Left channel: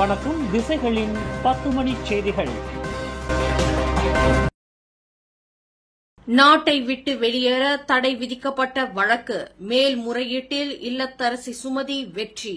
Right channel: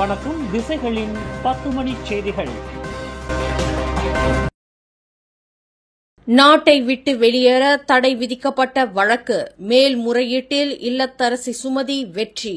வணக்கம். திசைகளின் 10 மணி செய்திகள். நாட்டை விட்டு வெளியேற தடை விதிக்கப்பட்ட வழக்கு மேல்முறையீட்டில் இல்லத்தரசி சுமதி வெற்றி.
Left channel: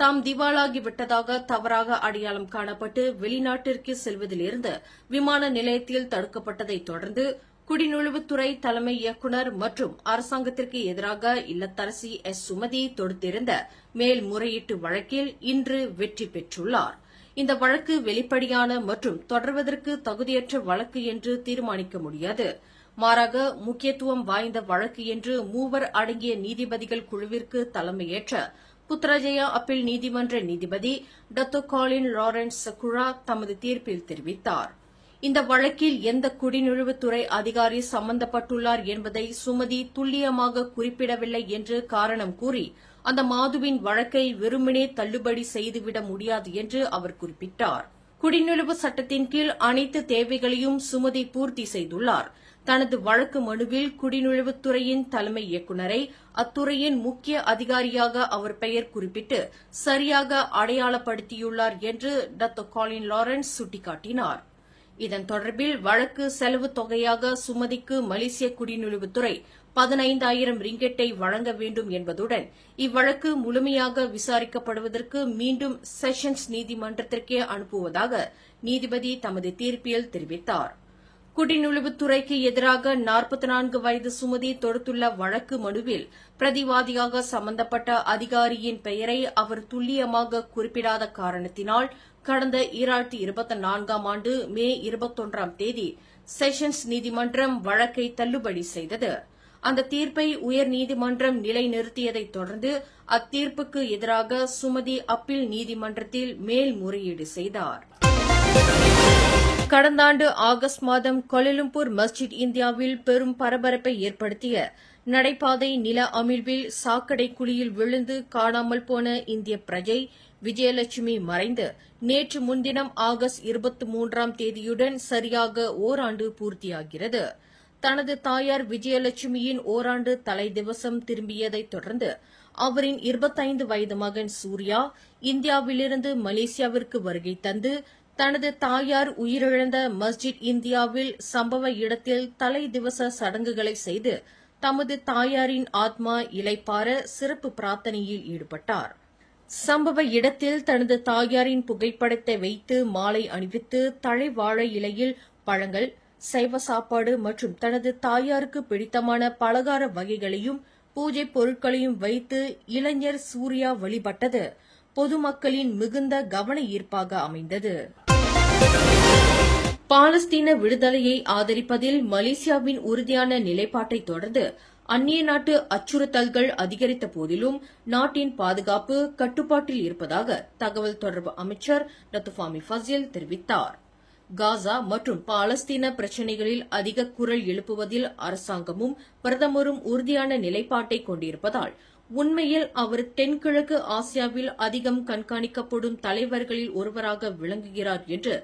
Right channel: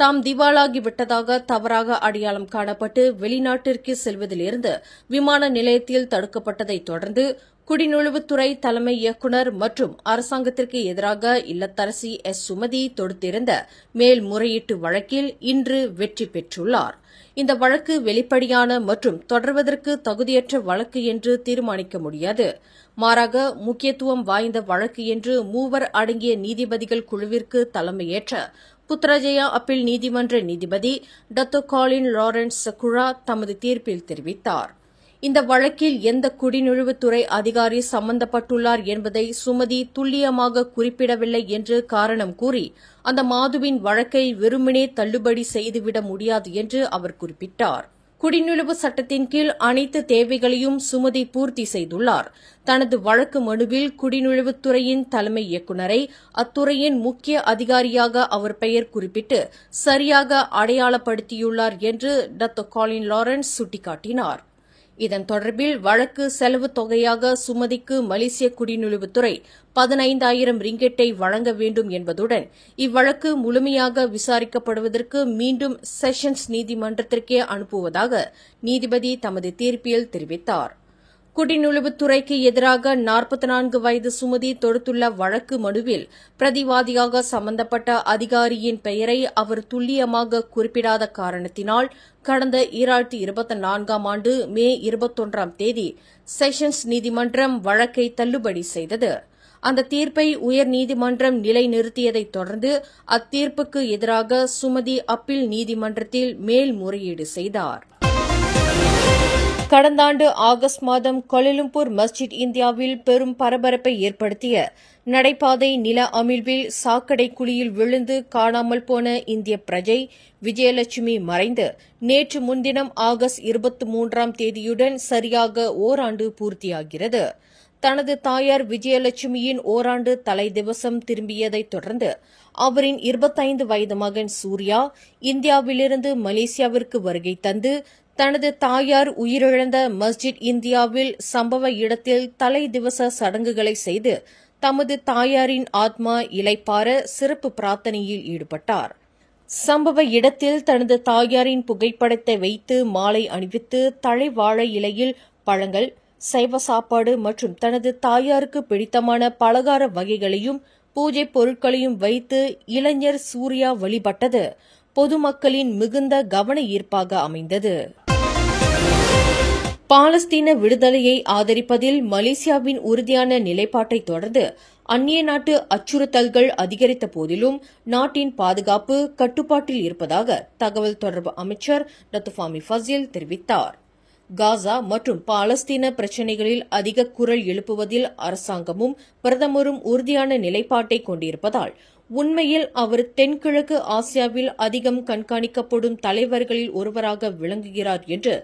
தாம் திவாலாகிவிட்டதாக தவறாக அடையாளம் காணப்பட்டு வெளிநாட்டிற்கு செல்வதிலிருந்து விமான நிலையத்தில் தடுக்கப்பட்டதைத் தொடர்ந்து குடிநுழைவுத்துறை தலைமை இயக்குநர் மற்றும் அரசாங்கத்திற்கு எதிராக இல்லத்தரசி சுமதி தொடுத்திருந்த மேல்முறையீட்டு வழக்கில் இன்று வெற்றி பெற்றுள்ளார். இந்த வழக்கு வெளிப்படையான மற்றும் தொடர்வதற்கு தகுதியற்ற வழக்கு என்று தீர்மானிக்க முடியாது. மாறாக முக்கியத்துவம் வாய்ந்த வழக்கு என்று 3 அடங்கிய நீதிபதிகள் குழுவிற்கு தலைமையேற்ற புத்ராஜயா அப்பீல் நீதிமன்ற நீதிபதி டாக்டர் காலின் லாரன்ஸ் சகுரா தமது தீர்ப்பில் தெரிவித்தார். இந்த வழக்கில் எந்த குடிநுழைவுத்துறை அதிகாரி சம்பந்தப்பட்டுள்ளார் என்பதை சுமதி துல்லியமாக குறிப்பிடவில்லை என்று காரணம் கூறி அந்த மாதுவின் வழக்கை வெறுமனே தள்ளுபடி செய்துவிட முடியாது என்று அவர் குறிப்பிட்டார். குடிநுழைவு சட்டத்தின் கீழ் அனைத்து தேவைகளையும் சுமதி பூர்த்தி செய்துள்ளார். தனது வழக்கு மனுவில் குடிநுழைவுத்துறையின் தலைமை இயக்குநரை அத்துறையின் முக்கிய அதிகாரியாக அவர் பெயர் குறிப்பிட்டு சரியாக அடையாளப்படுத்தியுள்ளார் என்று டாக்டர் காலின் லாரன்ஸ் சுட்டிக்காட்டினார். இதன் தொடர்பில் வழக்கு செலவு தொகையாக சுமதிக்கு மலேசிய குடிநுழைவுத்துறை 15,000 ரிங்கெட்டை வழங்க வேண்டும் என்பதுடன் இவ்வழக்கு முழுமையாக விசாரிக்கப்படுவதற்கு மீண்டும் செஷன்ஸ் நீதிமன்றத்திற்கே அனுப்புவதாக நீதிபதி தமது தீர்ப்பில் தெரிவித்தார். குடிநுழைவுத்துறைக்கு எதிராக 44 வயது சுமதி தொடுத்துள்ள வழக்கு மனுவில் பிரதிவாதியாக சம்பந்தப்பட்ட அதிகாரியின் பெயரை அவர் துல்லியமாக குறிப்பிடாத காரணத்தினால் கடந்த 2024ஆம் ஆண்டு மே 21ஆம் தேதி செஷன்ஸ் நீதிமன்றம் வழக்கை தள்ளுபடி செய்தது. அந்த தீர்ப்பை உயர்நீதிமன்றம் நிலைநிறுத்தியதைத் தொடர்ந்து அத்தீர்ப்புக்கு எதிராக சுமதி அப்பீல் நீதிமன்றத்தில் மேல்முறையீடு செய்தார். கடந்த ஆண்டு ஆகஸ்ட் மாதம் கோலாலம்பூர் மஸ்ஜித் இந்தியாவில் பெரும் பரபரப்பை ஏற்படுத்திய நடைபாதை நில அமிழ்வில் சாக்கடை குழியில் விழுந்து காணாமல் போன இந்திய பிரஜை விஜயலட்சுமி மறைந்து நேற்று முன்தினம் ஆகஸ்ட் 23ஆம் தேதியுடன் சரியாக ஓராண்டு பூர்த்தியாகிறது. தனது தாயார் விஜயலட்சுமியின் ஓராண்டு தலை திவசம் திரும்பியதைத் தொடர்ந்து அவரின் 25 வயது மகன் சூர்யா இந்தியாவிலிருந்து மலேசியாவிற்கு வருகை தந்து தனது தாயார் உயிரிழந்த மஸ்ஜித் இந்தியாவில் சம்பவ இடத்தில் தலை திவச சடங்குகளை செய்து தமது தாயாரின் ஆத்மா இளைப்பாற சிறப்பு பிரார்த்தனையில் ஈடுபட்டார். சம்பவ இடத்தில் தனது தாயாரின் புகைப்படத்தை வைத்து மாலை அணிவித்து தழை வாழை இலையில் பழங்கள், சைவ சாப்பாடு மற்றும் தனது தாயாருக்கு பிடித்தமான பலகார வகைகளையும் பூஜை பொருட்களையும் வைத்து இளைஞர் சூர்யா வழிபட்டது பொதுமக்களின் மிகுந்த கவன ஈர்ப்பாக அமைந்தது. பாலஸ்தீன விடுதலையை ஆதரிப்பதில் மலேசியாவின் உறுதியான நிலைப்பாட்டை தொடர்ந்து அந்நிய நாட்டு அச்சுறுத்தல்கள் அதிகரித்த போதிலும் நாட்டின் பாதுகாப்பு கட்டுப்பாட்டில் இருப்பதாக தகவல் தொடர்பு அமைச்சர் டாக்டர் ஃபாமி ஃபசில் தெரிவித்தார். காசா மற்றும் பாலஸ்தீன பிரச்சினைகளில் அதிக குரல் எழுப்புவதில் அரசாங்கமும் பிரதமரும் உறுதியான நிலைப்பாட்டை கொண்டிருப்பதால் உண்மையில் அவர் தென்கிழக்கு ஆசியாவில் அதிகம் கண்காணிக்கப்படும் தலைவர்களில் ஒருவராக விளங்குகிறார் என்று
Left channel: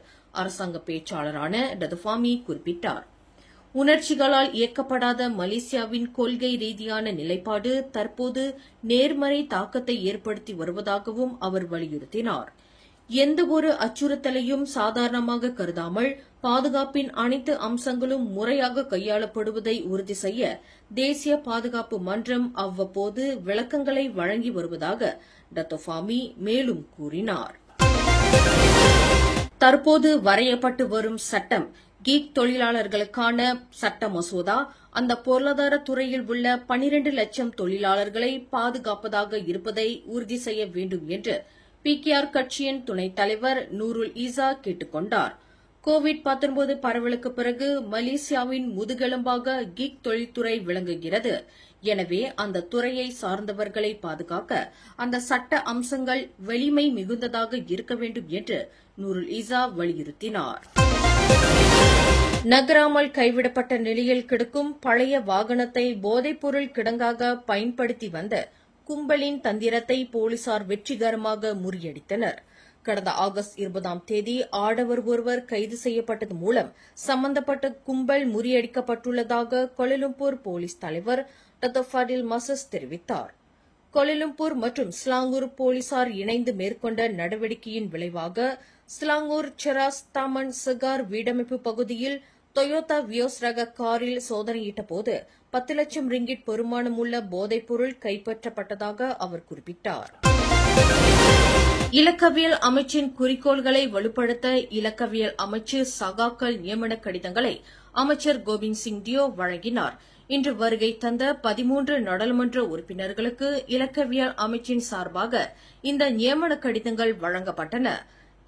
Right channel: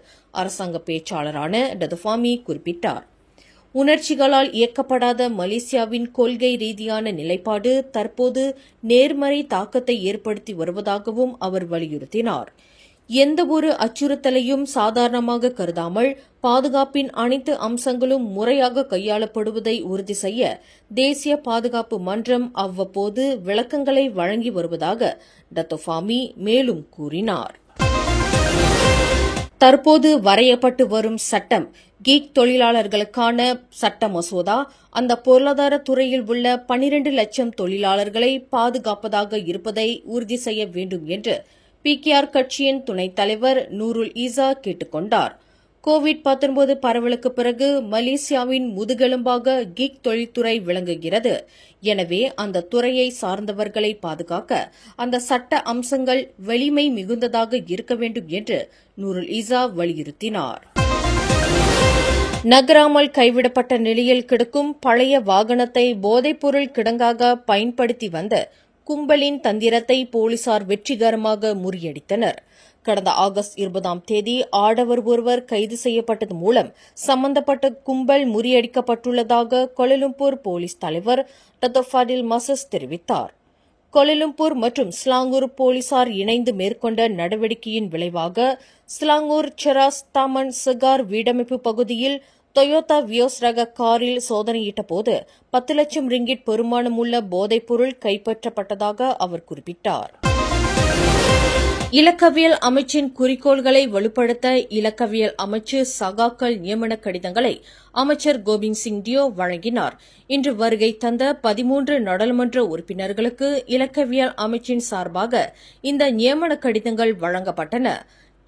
அரசாங்க பேச்சாளரான டாக்டர் ஃபாமி குறிப்பிட்டார். உணர்ச்சிகளால் இயக்கப்படாத மலேசியாவின் கொள்கை ரீதியான நிலைப்பாடு தற்போது நேர்மறை தாக்கத்தை ஏற்படுத்தி வருவதாகவும் அவர் வலியுறுத்தினார். எந்தவொரு அச்சுறுத்தலையும் சாதாரணமாக கருதாமல் பாதுகாப்பின் அனைத்து அம்சங்களும் முறையாக கையாளப்படுவதை உறுதி செய்ய தேசிய பாதுகாப்பு மன்றம் அவ்வப்போது விளக்கங்களை வழங்கி வருவதாக டாக்டர் ஃபாமி மேலும் கூறினார். தற்போது வரையப்பட்டு வரும் சட்டம் கீக் தொழிலாளர்களுக்கான சட்ட மசோதா அந்த பொருளாதார துறையில் உள்ள 12 லட்சம் தொழிலாளர்களை பாதுகாப்பதாக இருப்பதை உறுதி செய்ய வேண்டும் என்று பிகேஆர் கட்சியின் துணைத் தலைவர் நூருல் ஈசா கேட்டுக் கொண்டார். கோவிட்-19 பரவலுக்கு பிறகு மலேசியாவின் முதுகெலும்பாக கீக் தொழில்துறை விளங்குகிறது. எனவே அந்த துறையை சார்ந்தவர்களை பாதுகாக்க அந்த சட்ட அம்சங்கள் வலிமை மிகுந்ததாக இருக்க வேண்டும் என்று நூருல் ஈசா வலியுறுத்தினார். நகராமல் கைவிடப்பட்ட நிலையில் கிடக்கும் பழைய வாகனத்தை போதைப்பொருள் கிடங்காக பயன்படுத்தி வந்த கும்பலின் தந்திரத்தை போலீசார் வெற்றிகரமாக முறியடித்தனர். கடந்த ஆகஸ்ட் 20ஆம் தேதி ஆடவர் ஒருவர் கைது செய்யப்பட்டது மூலம் சம்பந்தப்பட்ட கும்பல் முறியடிக்கப்பட்டுள்ளதாக கோலாலம்பூர் போலீஸ் தலைவர் டாக்டர் ஃபடில் மசஸ் தெரிவித்தார். கோலாலம்பூர் மற்றும் ஸ்லாங்கூர் போலீசார் இணைந்து மேற்கொண்ட நடவடிக்கையின் விளைவாக ஸ்லாங்கூர் செராஸ் தாமன் சகார் வீடமைப்பு பகுதியில் டொயோட்டா வியோஸ் ரக காரில் சோதனையிட்டபோது 10 லட்சம் ரிங்கிட் பெறுமானமுள்ள போதைப்பொருள் கைப்பற்றப்பட்டதாக அவர் குறிப்பிட்டார். இலக்கவியல் அமைச்சின் குறிக்கோள்களை வலுப்படுத்த இலக்கவியல் அமைச்சு சகாக்கள் நியமன கடிதங்களை அமைச்சர் கோபிந்த் சிங் டியோ வழங்கினார். இன்று வருகை தந்த 13 நாடாளுமன்ற உறுப்பினர்களுக்கு இலக்கவியல் அமைச்சின் சார்பாக இந்த நியமன கடிதங்கள் வழங்கப்பட்டன.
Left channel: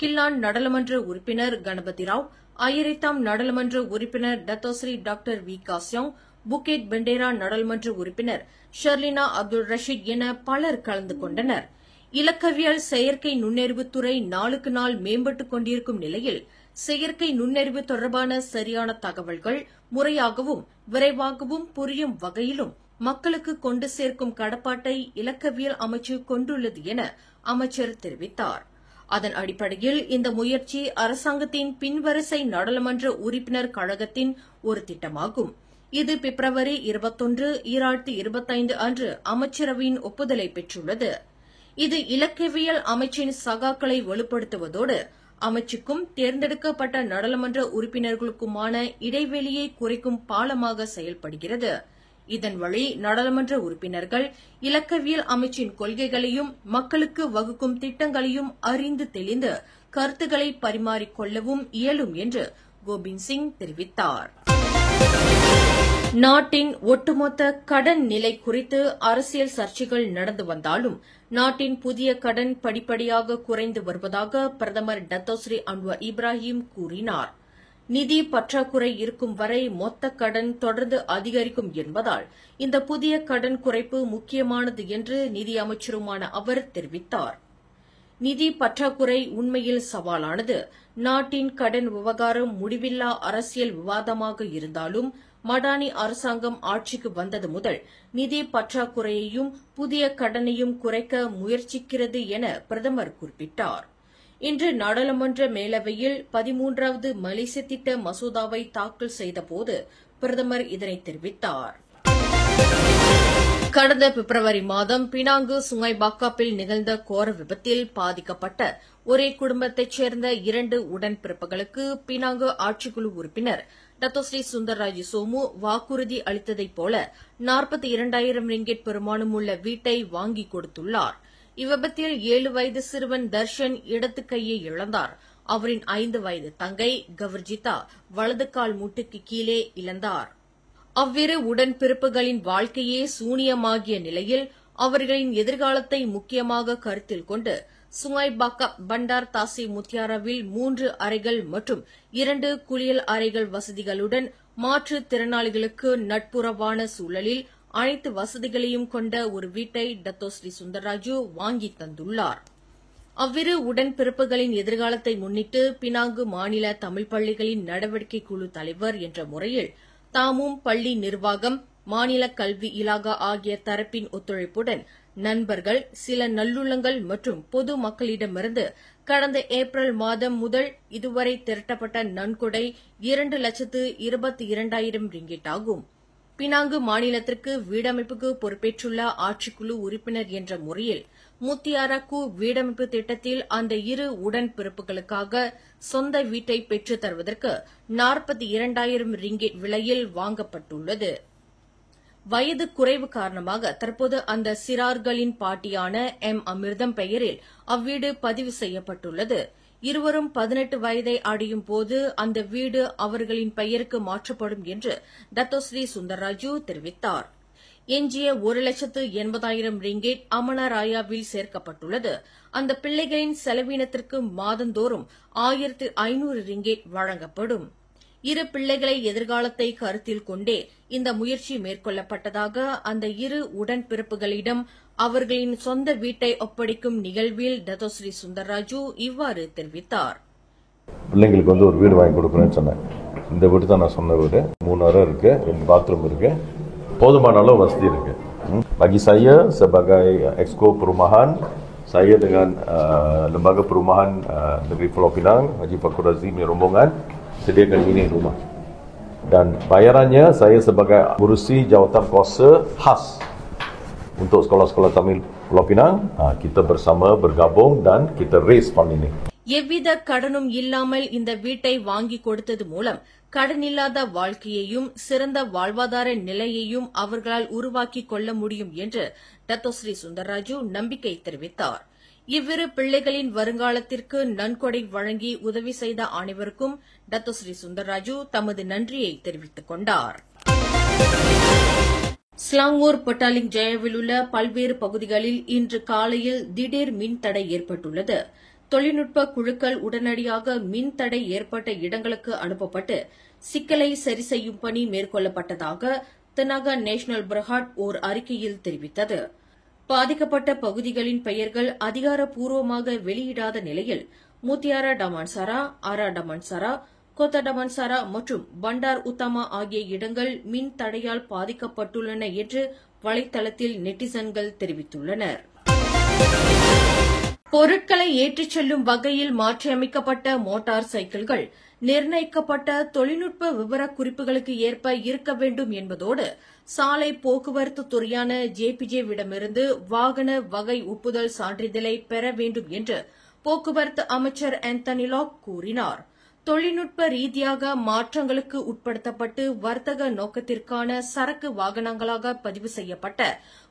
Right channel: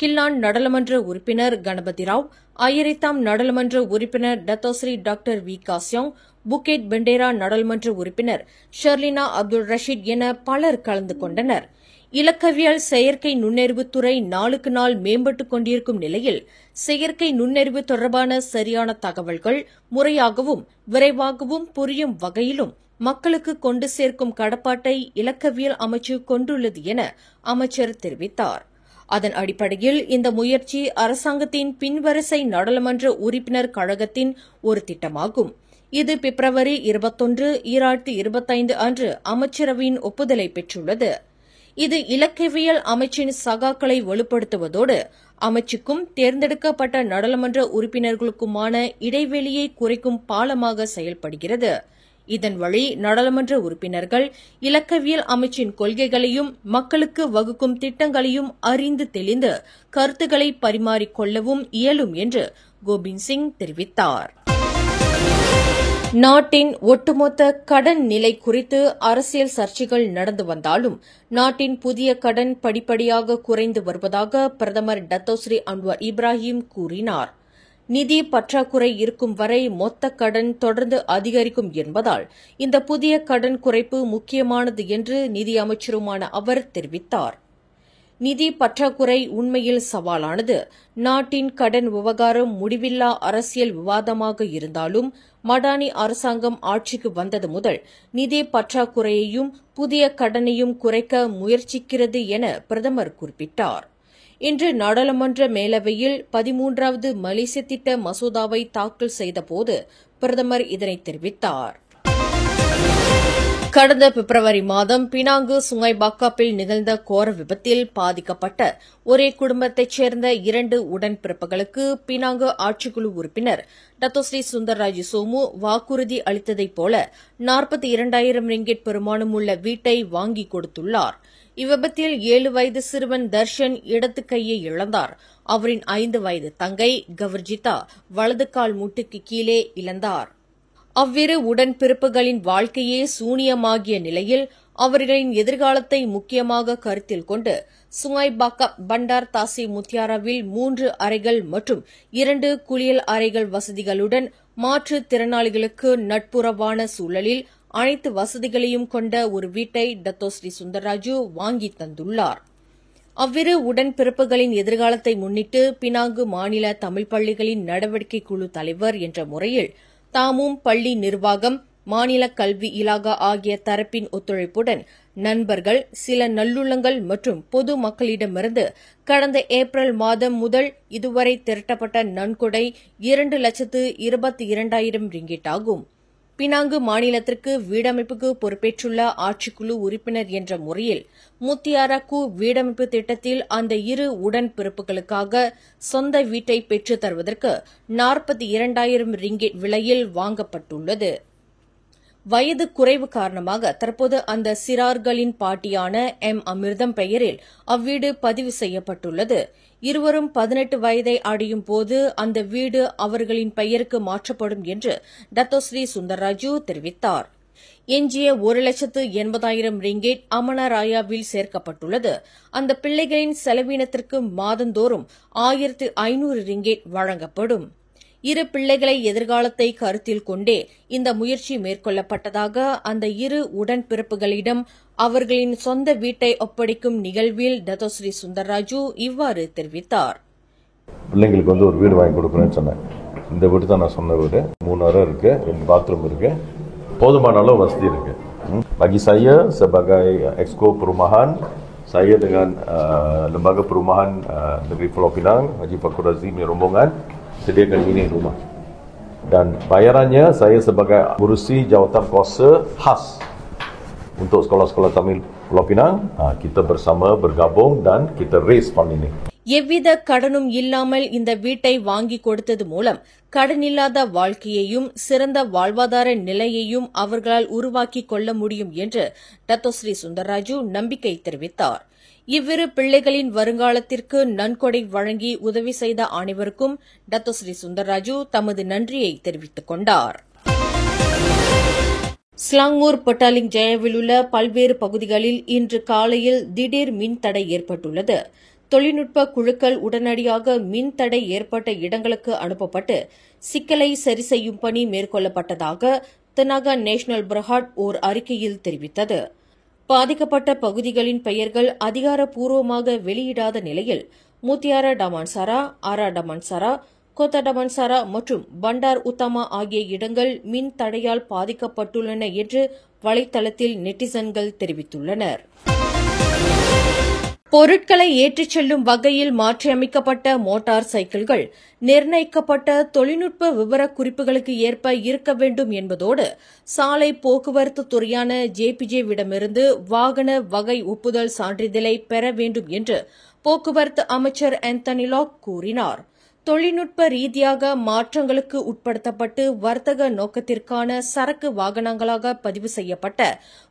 கில்லான் நாடாளுமன்ற உறுப்பினர் கணபதி ராவ், அயரித்தாம் நாடாளுமன்ற உறுப்பினர் டத்தோஸ்ரீ டாக்டர் வி காசியோங், புக்கெட் பெண்டேரா நாடாளுமன்ற உறுப்பினர் ஷர்லினா அப்துல் ரஷீத் என பலர் கலந்து கொண்டனர். இலக்கவியல் செயற்கை நுண்ணறிவுத்துறை நாளுக்கு நாள் மேம்பட்டுக் கொண்டிருக்கும் நிலையில் செயற்கை நுண்ணறிவு தொடர்பான சரியான தகவல்கள் முறையாகவும் விரைவாகவும் புரியும் வகையிலும் மக்களுக்கு கொண்டு சேர்க்கும் கடப்பாட்டை இலக்கவியல் அமைச்சு கொண்டுள்ளது என அமைச்சர் தெரிவித்தார். அதன் அடிப்படையில் இந்த முயற்சி அரசாங்கத்தின் பின்வரிசை நாடாளுமன்ற உறுப்பினர் கழகத்தின் ஒரு திட்டமாகும். இது பிப்ரவரி 21, 2025 அன்று அமைச்சரவையின் ஒப்புதலை பெற்றுள்ளது. இது இலக்கவியல் அமைச்சின் சகாக்களை வலுப்படுத்துவதோடு அமைச்சுக்கும் தேர்ந்தெடுக்கப்பட்ட நாடாளுமன்ற உறுப்பினர்களுக்குமான இடைவெளியை குறைக்கும் பாலமாக செயல்படுகிறது. இதன் வழி நாடாளுமன்ற உறுப்பினர்கள் இலக்கவியல் அமைச்சின் கொள்கைகளையும் மக்களுக்கு வகுக்கும் திட்டங்களையும் அறிந்து தெளிந்து கருத்துக்களை பரிமாறிக்கொள்ளவும் இயலும் என்று கோபிந்த் சிங் தெரிவித்தார். நாட்டின் ஒட்டுமொத்த கடன் நிலை குறித்து அரசியல் சர்ச்சைகள் நடந்து வந்தாலும் நாட்டின் புதிய கடன் படிப்படியாக குறைந்து வருவதாக பிரதமர் டத்தோஸ்ரீ அன்வர் இப்ராஹிம் கூறினார். நிதி பற்றாக்குறை இருக்கும் வரை மொத்த கடன் தொடர்ந்து அதிகரிக்கும் என்பதால் இந்த புதிய கடன் குறைப்பு முக்கியமானது என்று நிதி அமைச்சருமான அவர் தெரிவித்தார். நிதி பற்றாக்குறை உண்மையில் சவாலானது. நாட்டின் கடன் விவகாரம் முடிவில்லா அரசியல் விவாதமாக இருந்தாலும் மடானி அரசாங்கம் ஆட்சிக்கு வந்தது முதல் நிதி பற்றாக்குறையையும் புதிய கடனையும் குறைக்க முயற்சிக்கிறது என பிரதமர் குறிப்பிட்டார். இன்று நாடாளுமன்ற மேலவையில் 13வது மலேசிய திட்ட மசோதாவை தாக்கல் செய்தபோது பிரதமர் இதனை தெரிவித்தார். கடந்த பிப்ரவரி மாதம் பினாங்கு சுங்கைபாக்காப்பில் நிகழ்ந்த கோர விபத்தில் பாதிக்கப்பட்ட ஒரே குடும்பத்தைச் சேர்ந்த 2 உடன்பிறப்புகளுக்கு பினாங்கு ஆட்சிக்குழு உறுப்பினர் டத்தோஸ்ரீ சுந்தர்ராஜ் சோமு வாக்குறுதி அளித்ததைப் போல 42,000 ரிங்கிட் பெறுமானமுள்ள வீட்டை வாங்கிக் கொடுத்துள்ளார். இவ்விபத்தில் 7 வயது சிறுவன் தர்ஷன் இடது கையை இழந்தார். அவரின் 5 வயது தங்கை கவர்ஜிதா வலது கால் முட்டுக்கு கீழே இழந்தார். அவ்விரு உடன்பிறப்புகளின் வாழ்க்கையே சூனியமாகிய நிலையில் அவர்களின் எதிர்காலத்தை முக்கியமாக கருத்தில் கொண்டு சுங்கைபாக்கா பண்டார் தாசி முத்தியாராவில் 3 அறைகள் மற்றும் 2 குளியல் அறைகள் வசதிகளுடன் மாற்றுத் திறனாளிகளுக்கு நட்புறவான சூழலில் அனைத்து வசதிகளையும் கொண்ட ஒரு வீட்டை டத்தோஸ்ரீ சுந்தர்ராஜு வாங்கி தந்துள்ளார். அவ்விரு உடன்பிறப்புகளின் எதிர்காலத்தை முன்னிட்டு பினாங்கு மாநில தமிழ் பள்ளிகளின் நடவடிக்கை குழு தலைவர் என்ற முறையில் தாமும் பள்ளி நிர்வாகம், மாநில கல்வி இலாகா ஆகிய தரப்பின் ஒத்துழைப்புடன் நண்பர்கள், சில நல்லுள்ளங்கள் மற்றும் பொது மக்களிடமிருந்து கடந்த ஏப்ரல் மாதம் முதல் இதுவரை திரட்டப்பட்ட நன்கொடை 2,22,000 ரிங்கிட் ஆகும். பினாங்கு மாநிலத்திற்கு வீடமைப்புக்கு பொறுப்பேற்றுள்ள ஆட்சிக்குழு உறுப்பினர் என்ற முறையில் முத்தியாராக்கு வீடமைப்பு திட்டத்தில் அந்த 2 உடன்பிறப்புகளுக்காக சொந்த வீட்டை பெற்றுத் தருவதற்கு 42,000 ரிங்கிட் விலையில் வாங்கப்பட்டுள்ளது. வயது குறைவு காரணமாக தற்போது அந்த சிறார்களின் பாட்டியான எம் அமிர்தம் பெயரில் அவ்வீடு பதிவு செய்யப்பட்டுள்ளது. இருவரும் 18 வயதை அடையும் போது அந்த வீடு அவர்களின் பெயருக்கு மாற்றப்படும் என்று டத்தோஸ்ரீ சுந்தர்ராஜு தெரிவித்தார். எஞ்சிய 1,80,000 ரிங்கிட் அமனராயாவில் சேர்க்கப்பட்டுள்ளது. அந்த பிள்ளைகளின் செலவினத்திற்கு மாதந்தோறும் 1,500 ரிங்கிட் வழங்கப்படும். 2 பிள்ளைகளை எதிர்காலத்தை கருத்தில் கொண்டே இந்த முயற்சி மேற்கொள்ளப்பட்டதாக அந்த 2 உடன்பிறப்புகளிடம் அவர்களின் சொந்த வீட்டை ஒப்படைக்கும் நிகழ்வில் டத்தோஸ்ரீ சுந்தர்ராஜு இவ்வாறு தெரிவித்தார். பிள்ளைங்களுக்கு ஒரு வீடு வாங்கி கொடுக்கணும்னு சொன்னேன். இந்த வீடு தான் நான் சொன்ன வீடு. 3 அறை இருக்கு, 2 பாத்ரூம் இருக்கு, போதுமான அளவு வசதி இருக்கு. Bagi saya sebagai Exco Perumahan, saya dengan Lembaga Perumahan Negeri Pulau Pinang, Haji Fakhur Razim rombongan sediakan ini rumah. Dan bayarannya saya sebagai urusi jawatan kuasa khas untuk sekolah-sekolah Tamil Pulau Pinang, kita bersama bergabung dan kita raise fund ini. எவ்வித கடனும் இல்லாமல் இந்த வீட்டை வாங்கி கொடுத்தது மூலம் கடனில்லாத வாழ்க்கையையும் சிறந்த வாழ்வாதார நிலையையும் அவர்களால் உருவாக்கிக் கொள்ள முடியும் என்று டத்தோஸ்ரீ சுந்தர்ராஜு நம்பிக்கை தெரிவித்தார். இவ்விரு பிள்ளைகளின் வருங்காலத்திற்கு நன்கொடை வழங்கி உதவி செய்த அனைவருக்கும் டத்தோஸ்ரீ சுந்தர்ராஜு தமது நன்றியை தெரிவித்துக் கொண்டார். ஸ்லாங்கூர் பட்டாலிங் ஜெயாவில் உள்ள பல்வேறு பகுதிகளில் இன்று காலையில் திடீர் மின்தடை ஏற்பட்டுள்ளது. தொழில்நுட்ப குழுக்கள் உடனடியாக மின்தடை ஏற்பட்ட இடங்களுக்கு அனுப்பப்பட்டு சிக்கலை சரி செய்யும் பணி மேற்கொள்ளப்பட்டதாக தெனாகா நேஷனல் பிரஹாட் ஓர் அறிக்கையில் தெரிவித்தது. பாதிக்கப்பட்ட பகுதிகளின் பெயர்கள் அதிகாரப்பூர்வமாக வெளியிடாத நிலையில் முத்தியாரா டமான்சாரா, ஆரா டமான்சாரா, கோத்தா டமான்சாரா மற்றும் பண்டார் உத்தமா ஆகிய இடங்கள் மின் தடையால் பாதிக்கப்பட்டுள்ளன என்று வலைதளத்தில் நெட்டிசன்கள் தெரிவித்துள்ளனர். பொருட்களை ஏற்றிச் செல்லும் வகையில் மாற்றியமைக்கப்பட்ட மோட்டார் சைக்கிள்கள் நிர்ணயிக்கப்பட்ட தொழில்நுட்ப விவரக்குறிப்புகளுக்கு ஏற்ப இருக்க வேண்டும் என்பதோடு சாலை போக்குவரத்து துறையான ஜேபிஜேவிடமிருந்து வாகன வகை ஒப்புதல் சான்றிதழை பெற வேண்டும் என்று போக்குவரத்து அமைச்சர் ஆந்தனி லாக் கூறினார். தொழில்நுட்ப ரீதியாக மாற்றங்களுக்கு உட்படுத்தப்பட்டு வர்த்தக நோக்கத்திற்கான சரக்கு வாகனங்களாக பதிவு செய்யப்பட்ட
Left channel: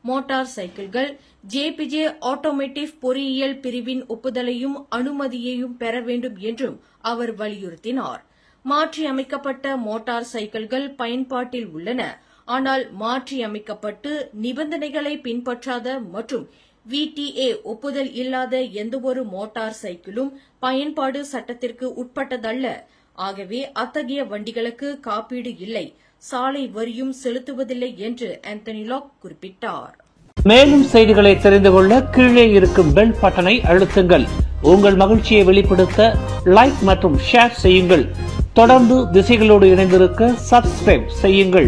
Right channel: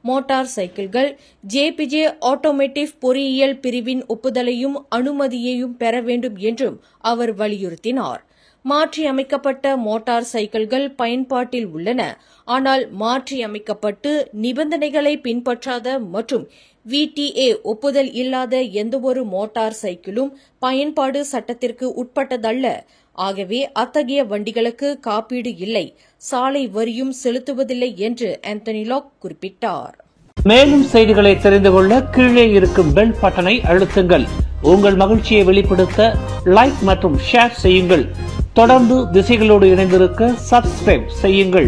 மோட்டார் சைக்கிள்கள் ஜேபிஜே ஆட்டோமேட்டிவ் பொறியியல் பிரிவின் ஒப்புதலையும் அனுமதியையும் பெற வேண்டும் என்றும் அவர் வலியுறுத்தினார். மாற்றியமைக்கப்பட்ட மோட்டார் சைக்கிள்கள் பயன்பாட்டில் உள்ளன. ஆனால் மாற்றியமைக்கப்பட்டு நிபந்தனைகளை பின்பற்றாத மற்றும் VTA ஒப்புதல் இல்லாத எந்தவொரு மோட்டார் சைக்கிளும் பயன்பாடு சட்டத்திற்கு உட்பட்டதல்ல. ஆகவே அத்தகைய வண்டிகளுக்கு காப்பீடு இல்லை, சாலை வரியும் செலுத்துவதில்லை என்று ஆந்தனி லாக் குறிப்பிட்டார். மேலும் செய்திகளை தெரிந்து கொள்ள கீழே இருக்கும் பெல் பட்டனை அழுத்துங்கள். உங்கள் மகிழ்ச்சியை வெளிப்படுத்த லைக் மற்றும் ஷேர் செய்யுங்கள். தொடர்ந்து திசைகளோடு இணைந்திருக்க சப்ஸ்கிரைப் செய்யுங்கள்.